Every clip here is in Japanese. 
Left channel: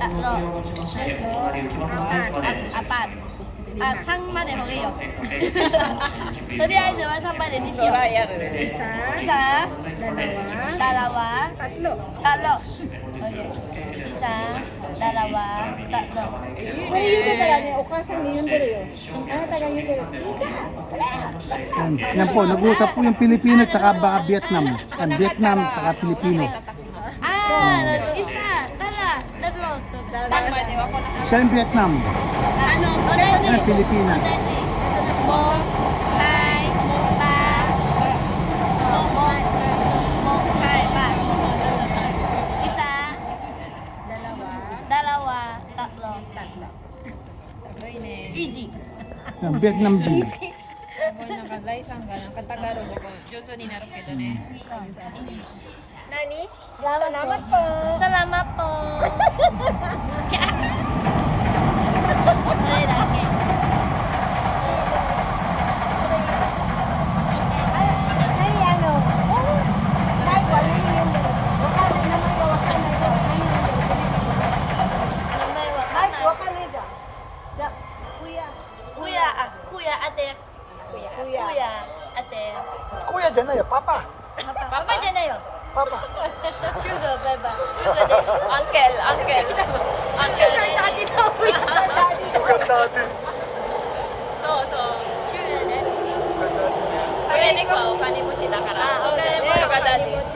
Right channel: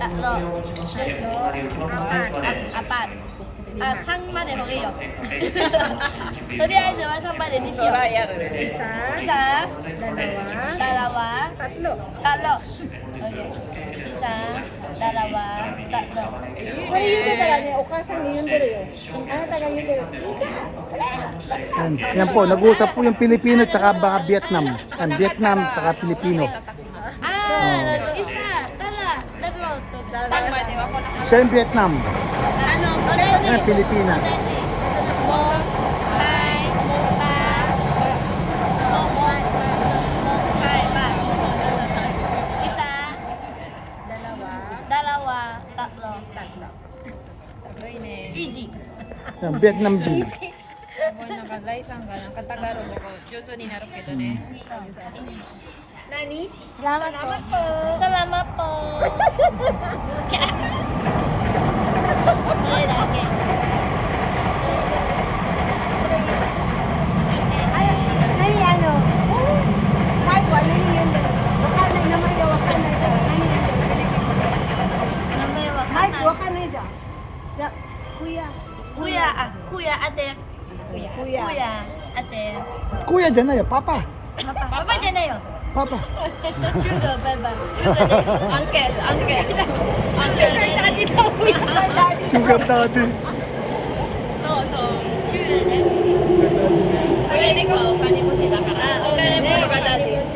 Tatlo. Apat. Sang made hogeyo. Toriaizu wa sang made ni shiyo. Isa. Dalawa. Tatlo. Okay. Isa. Dalawa. Tatlo. これ言うてたらね、お母さんに言うんでるよ。あなたが言うんでる。isa! Yan po, nag-uusap po yung Pilipino tsaka baka Vietnam. Yan, Vietnam tsaka Pilipino. Isa. Tatlo. Sang made wa ko na. Siya yung Vietnam. Oreji. Yan, Pilipina. Mo. Hai. Ba. Mo. Hai. Ba. Isa. Dalawa. Tatlo. Easy. Yan, Vietnam G. なんか財産がなんかタガログが上手になるけどね。何？Salamat po. Salamat po. Sorry, dati. Ay, ano? Ay, wala yun. Wakanay na may wakanay. Ay, wakanay dyan. Kuya. Kuya, ate. Kuya, ate. Kuya dyan na yun, Papa. Papa dyan na yun. Papa. Sugar, bye-bye. Sugar daddy. Uncle. Uncle. Daddy daw. Sugar daddy. そうそう。 Sugar daddy. これ猫はお金持ちだから。お金持ち。シュガーダディ。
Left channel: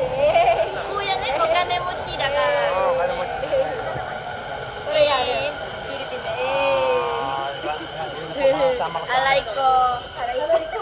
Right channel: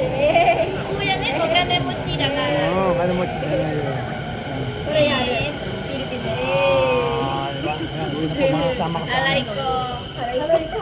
Kuya niお金持ちだから。 Oo, ano mo siya na yun. これやる。フィリピンで。Ah, diba? Yan, yun po, mga kasama ko sa Aray ko. Aray ko.